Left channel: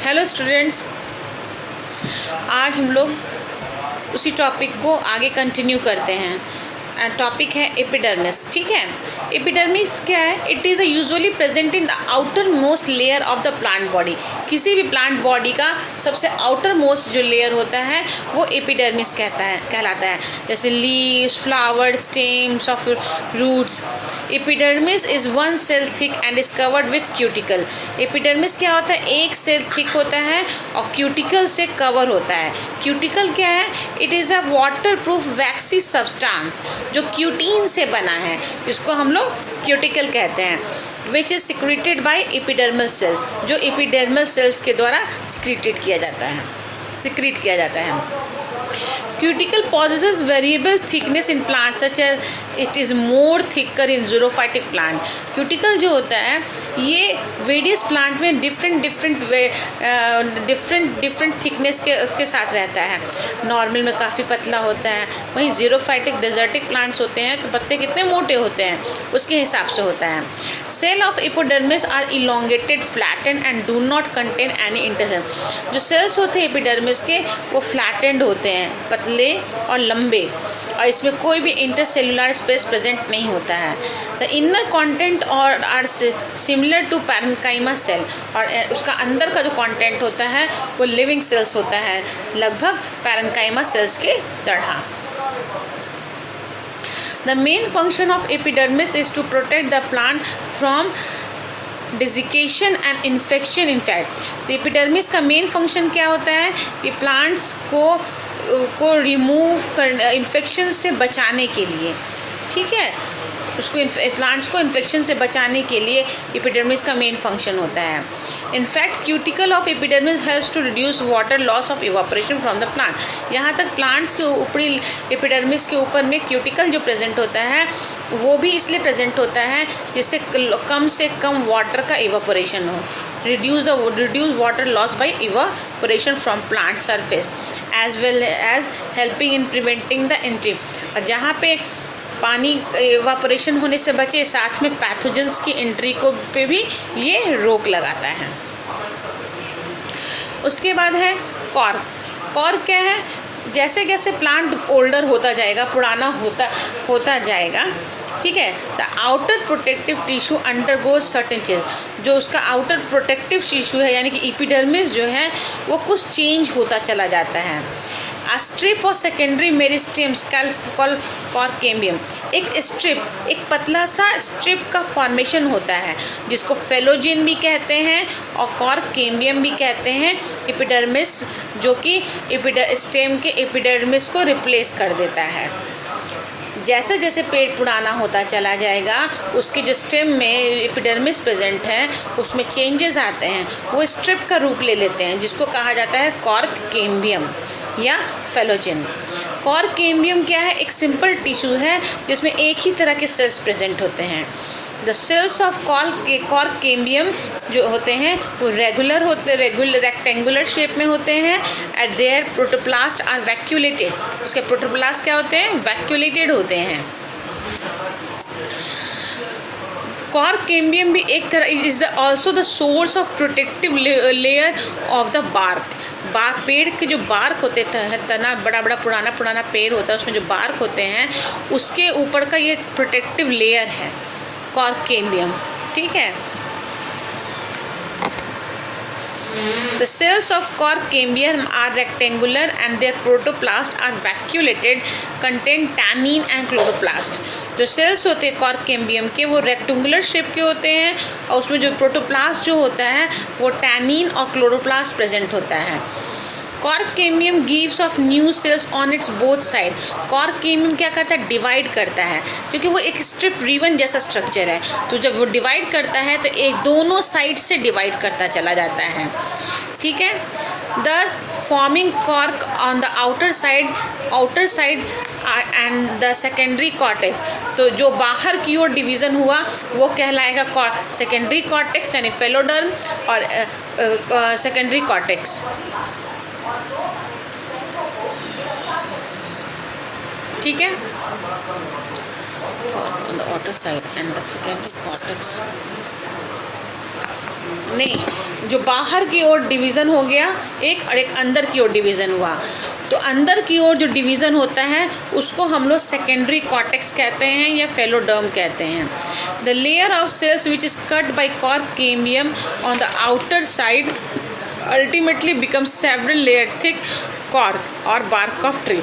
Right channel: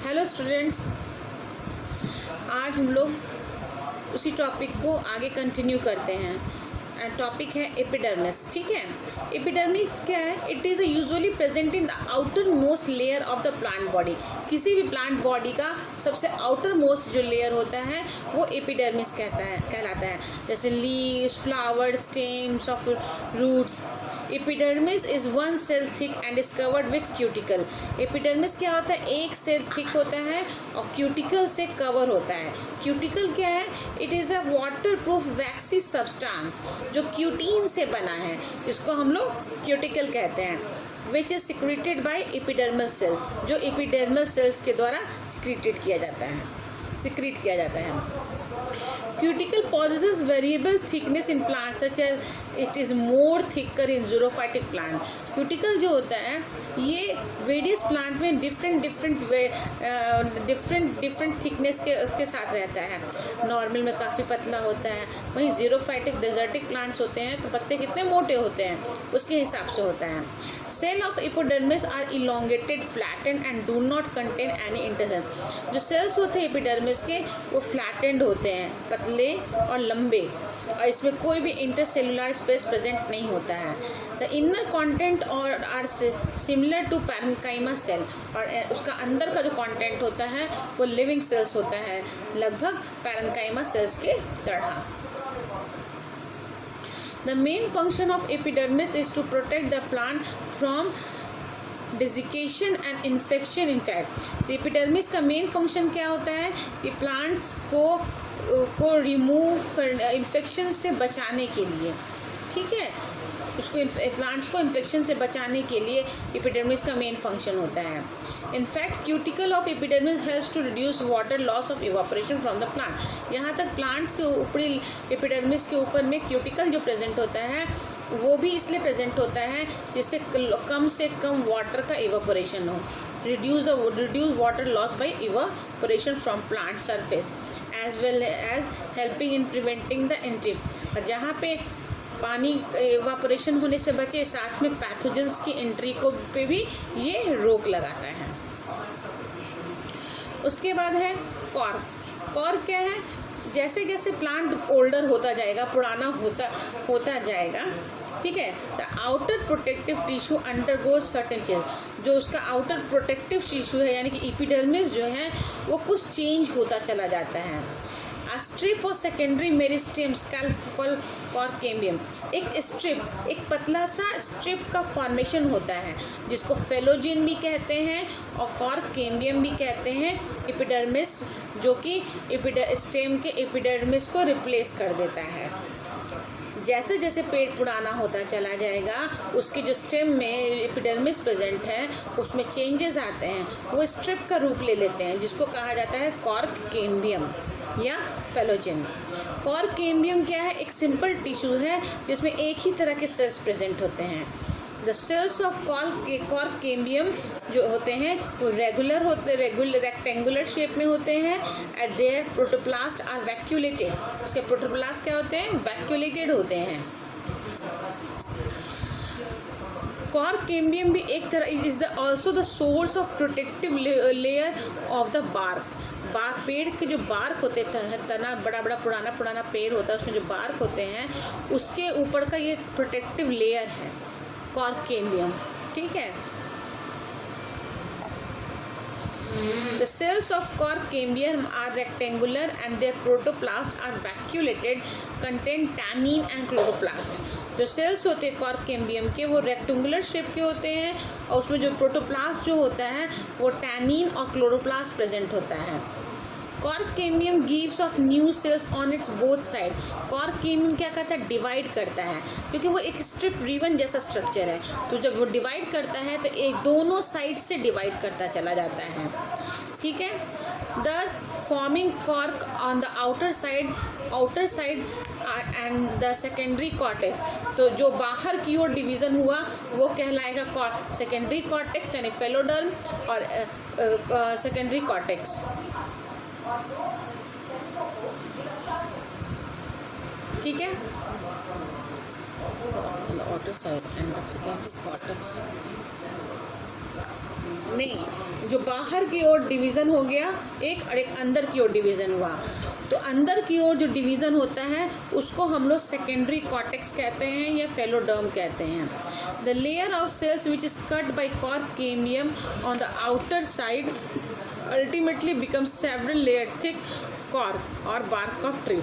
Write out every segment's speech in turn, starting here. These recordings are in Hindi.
हेलो स्टूडेंट्स, आज हम लोग उसी टॉपिक को आगे कंटिन्यू करते हैं। टॉपिक है एपिडर्मिस। ठीक है, एपिडर्मिस क्या है? It is usually present in the outer most layer of the plant body. किसी भी प्लांट बॉडी का सबसे आउटर मोस्ट जो लेयर होता है वो एपिडर्मिस कहलाता है। जैसे leaves, flower, stems of roots. Epidermis is one cell thick and is covered with cuticle. Epidermis क्या होता है? एक सेल थिक होता है और क्यूटिकल से कवर होता है। क्यूटिकल क्या है? It is a water proof waxy substance जो क्यूटीन से बना है, जिसको हम लोग क्यूटिकल कहते हैं। Which is secreted by epidermal cell, जो एपिडर्मल सेल्स के द्वारा सिक्रीट किया जाता है। Cuticle possesses variable thickness in plants such as it is more thicker in xerophytic plant। Cuticle जो होता है ये वेरियस प्लांट में डिफरेंट थिकनेस के साथ रहता है। नॉर्मल में काफ़ी पतला होता है, वहीं जीरोफाइटिक डेजर्टिक प्लांट्स होते हैं तो पत्ते कितने मोटे होते हैं उसके हिसाब से होता है। Cell of epidermis are elongated, flattened and do not contain any intercell. जो सेल्स होते हैं एपिडर्मिस के वो फ्लैटेंड होते हैं, पतले और लंबे, और इसमें कोई भी इंटरसेलुलर स्पेस प्रेजेंट नहीं होता है। द इनर कंटेंट और are similar to parenchyma cell, और उसका अंदर का जो कंटेंट होता है वो लिविंग सेल्स होता है, लगभग पैरेन्काइमा सेल्स के तरह। The main function of epidermis is to protect the plant from desiccation and infection. In fact तो एपिडर्मिस का मेन फंक्शन क्या होता है कि प्लांट्स को रिमूव कर, इन्फेक्शन से बचाने के लिए। ठीक है, प्लांट्स को इन्फेक्शन से बचाने के लिए एपिडर्मिस का मेन फंक्शन होता है। In fact cuticle of epidermis helps to reduce water loss of evaporation from the plant. यहाँ तक प्लांट्स के ऊपरी एपिडर्मिस के ऊपर में क्यूटिकल जो प्रेजेंट होता है वो भी इसलिए प्रेजेंट होता है जिससे कम से कम वाटर का इवापोरेशन हो। reduce water loss by evaporation from plant surface as well as helping in preventing the entry। और जहाँ पे पानी इवापोरेशन होने से बचे, साथ में पैथोजेंस की एंट्री को पे भी ये रोक लगाता है। उसके बाद है कॉर्क। कॉर्क क्या है? जैसे जैसे प्लांट ओल्डर होता जाएगा, पुराना होता जाएगा, ठीक है, the outer protective tissue undergoes certain change. जो उसका आउटर प्रोटेक्टिव टिश्यू है यानी कि एपिडर्मिस जो है वो कुछ चेंज होता चला जाता है। अ स्ट्रिप और सेकेंडरी मेरिस्टेम कॉल्ड कॉर्केम्बियम। एक पतला सा स्ट्रिप का फॉर्मेशन होता है जिसको फेलोजिन भी कहते हैं और कॉर्केम्बियम भी कहते हैं। एपिडर्मिस जो कि स्टेम के एपिडर्मिस को रिप्लेस कर देता है। जैसे जैसे पेड़ पुराना होता चला जाएगा उसके जो स्टेम में एपिडर्मिस प्रेजेंट है उसमें चेंजेस आते हैं, वो स्ट्रिप का रूप ले लेते हैं जिसको कहा जाता है कॉर्केम्बियम या फेलोजिन। कॉर्केम्बियम क्या है? एक सिंपल टिश्यू है जिसमें एक ही तरह के सेल्स प्रेजेंट होते हैं। द सेल्स ऑफ कॉर्केम्बियम जो होते हैं वो रेगुलर रेक्टेंगुलर शेप में होते हैं। At their protoplast are vacuolated. उसके प्रोटोप्लास्ट क्या होते हैं? वैक्यूलेटेड होते हैं। कॉर्केम्बियम भी एक तरह is also the source of protective layer of the bark. पेड़ के जो बार्क होते हैं, तना बड़ा पुराना पेड़ होता है, उसमें जो बार्क होते हैं उसके ऊपर का ये प्रोटेक्टिव लेयर है कॉर्केम्बियम। ठीक है, The cells of Corcambium are rectangular and their protoplast are vacuolated, contain tannin and chloroplast। जो सेल्स होते हैं कॉर्केम्बियम के वो रेक्टेंगुलर शेप के होते हैं और उसमें जो प्रोटोप्लास्ट जो होता है वो टैनिन और क्लोरोप्लास्ट प्रेजेंट होता है। Cork cambium gives off new cells on its both side. Cork cambium क्या करता है? डिवाइड करता है, क्योंकि वो एक स्ट्रिप रिबन जैसा स्ट्रक्चर है, तो जब वो डिवाइड करता है तो एक दोनों साइड से डिवाइड करता चला जाता है। ठीक है, दस forming cork on the outer side and the secondary cortex. तो जो बाहर की ओर डिवीज़न हुआ वो कहलाएगा सेकेंडरी कॉर्टेक्स यानी फेलोडर्म और सेकेंडरी कॉर्टेक्स। ठीक है, on the outer side and the secondary cortex नहीं, जो बाहर की ओर डिवीज़न हो गया एक, और एक अंदर की ओर डिवीज़न हुआ। तो अंदर की ओर जो डिवीज़न होता है उसको हम लोग सेकेंडरी कॉर्टेक्स कहते हैं या फेलोडर्म कहते हैं। The layer of cells which is cut by cork cambium on the outer side ultimately becomes several layer thick cork और बार्क ऑफ ट्री।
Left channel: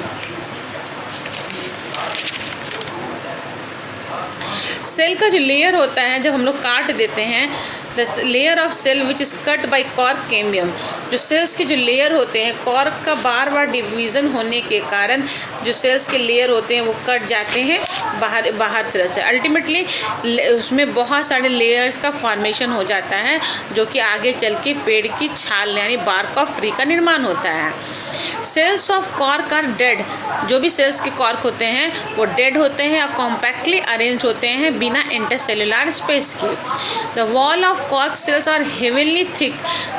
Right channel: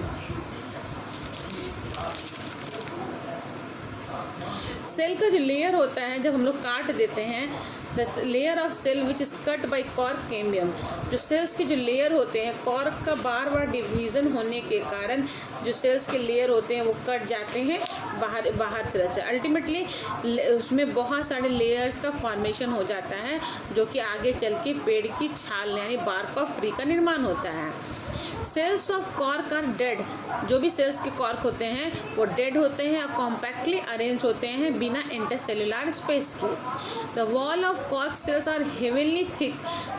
सेल का जो लेयर होता है जब हम लोग काट देते हैं, the layer of cell which is cut by cork cambium, जो सेल्स के जो लेयर होते हैं कॉर्क का बार बार डिवीज़न होने के कारण जो सेल्स के लेयर होते हैं वो कट जाते हैं बाहर तरह से। अल्टीमेटली उसमें बहुत सारे लेयर्स का फॉर्मेशन हो जाता है जो कि आगे चल के पेड़ की छाल यानी बार्क ऑफ ट्री का निर्माण होता है। Cells of cork are dead, जो भी सेल्स के कॉर्क होते हैं वो डेड होते हैं और कॉम्पैक्टली अरेंज होते हैं बिना इंटरसेलुलर स्पेस के। The wall of cork cells are heavily thick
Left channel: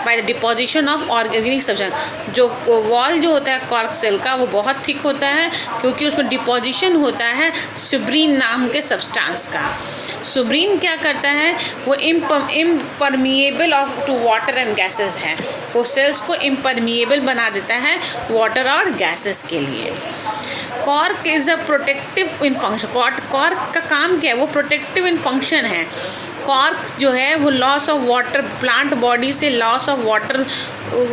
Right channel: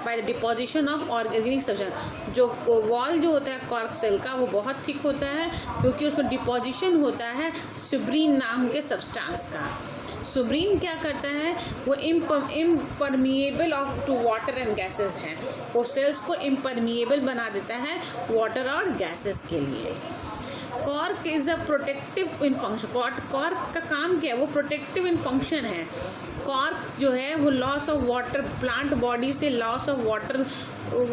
by the deposition of organic substance, जो वॉल जो होता है कॉर्क सेल का वो बहुत थिक होता है क्योंकि उसमें डिपोजिशन होता है सुब्रीन नाम के सब्सटेंस का। सुब्रीन क्या करता है, वो impermeable of to water and gases है, वो सेल्स को इम्परमिएबल बना देता है वाटर और गैसेस के लिए। Cork is a protective in function, cork का काम क्या है, वो प्रोटेक्टिव इन फंक्शन है। कॉर्क जो है वो loss of water, plant body से लॉस ऑफ वाटर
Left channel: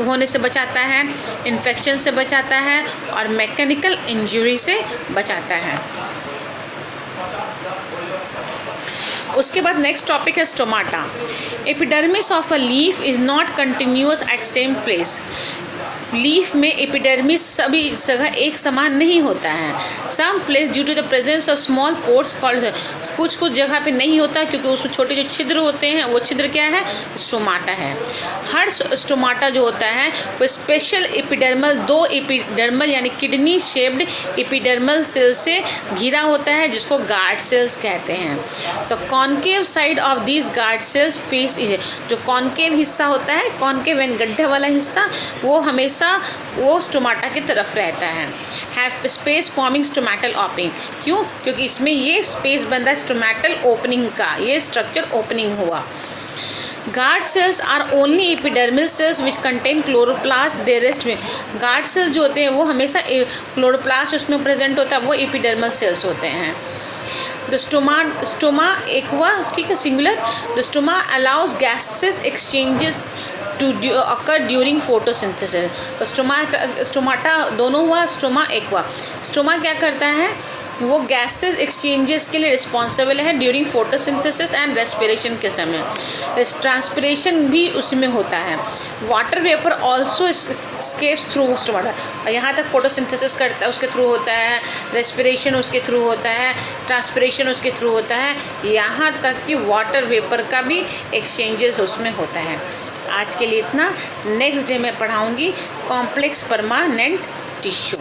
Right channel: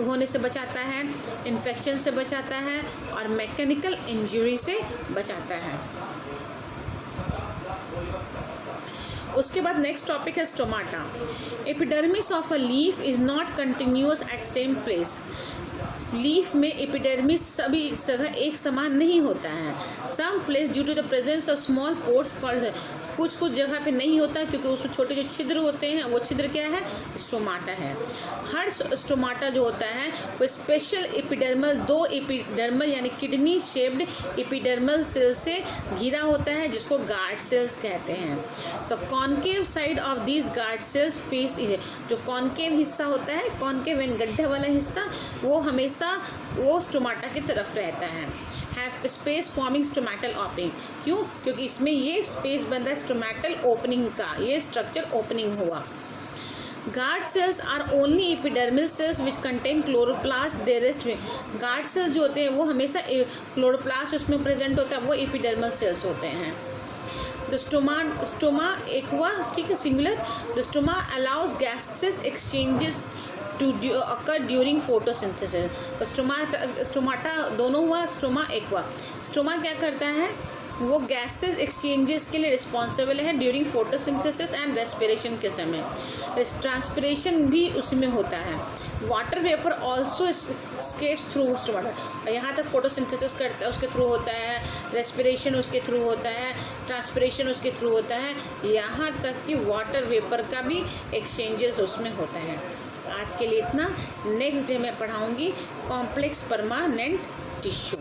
होने से बचाता है, इन्फेक्शन से बचाता है और मैकेनिकल इंजरी से बचाता है। उसके बाद नेक्स्ट टॉपिक है stomata. Epidermis of a leaf is not continuous at same place. Leaf में एपिडर्मिस सभी जगह एक समान नहीं होता है। Some place due to the presence of small pores called, कुछ जगह पे नहीं होता क्योंकि उसमें छोटे जो छिद्र होते हैं वो छिद्र क्या है, स्टोमाटा है। हर स्टोमाटा जो होता है वो स्पेशल एपिडर्मल, दो एपिडर्मल यानी किडनी शेप्ड एपिडर्मल सेल से घिरा होता है जिसको गार्ड सेल्स कहते हैं। तो concave side of these guard cells face is, जो कॉन्केव हिस्सा होता है, कॉन्केव एंड गड्ढे वाला हिस्सा, वो हमेशा वो स्टोमाटा की तरफ रहता है। Have space forming stomatal opening, क्यों, क्योंकि इसमें ये स्पेस बन रहा है स्टोमेटल ओपनिंग का, ये स्ट्रक्चर ओपनिंग हुआ। Guard cells are only epidermal cells which contain chloroplast, the rest में। गार्ड सेल्स जो होते हैं वो हमेशा क्लोरोप्लास्ट उसमें प्रेजेंट होता है, वो एपिडर्मल सेल्स होते हैं। द स्टोमा एक्वा, ठीक है, singular. The stoma allows gases exchanges to occur during photosynthesis. तो स्टोमाटा दोनों हुआ, स्टोमा एक्वा। स्टोमा क्या करता है, वो गैसेस एक्सचेंजेस के लिए रिस्पॉन्सिबल है ड्यूरिंग फोटोसिंथेसिस एंड रेस्पिरेशन के समय। ट्रांसपिरेशन भी उसमें होता है। Water vapour also scapes through stomata, और यहाँ तक फोटोसिंथेसिस करता है उसके थ्रू होता है, रेस्पिरेशन उसके थ्रू होता है, ट्रांसपिरेशन उसके थ्रू होता है, यहाँ तक कि वाटर वेपर का भी एक्सचेंजेस उसमें होता है। आज के लिए इतना। नेक्स्ट डे मैं पढ़ाऊँगी कॉम्प्लेक्स परमानेंट टिश्यू।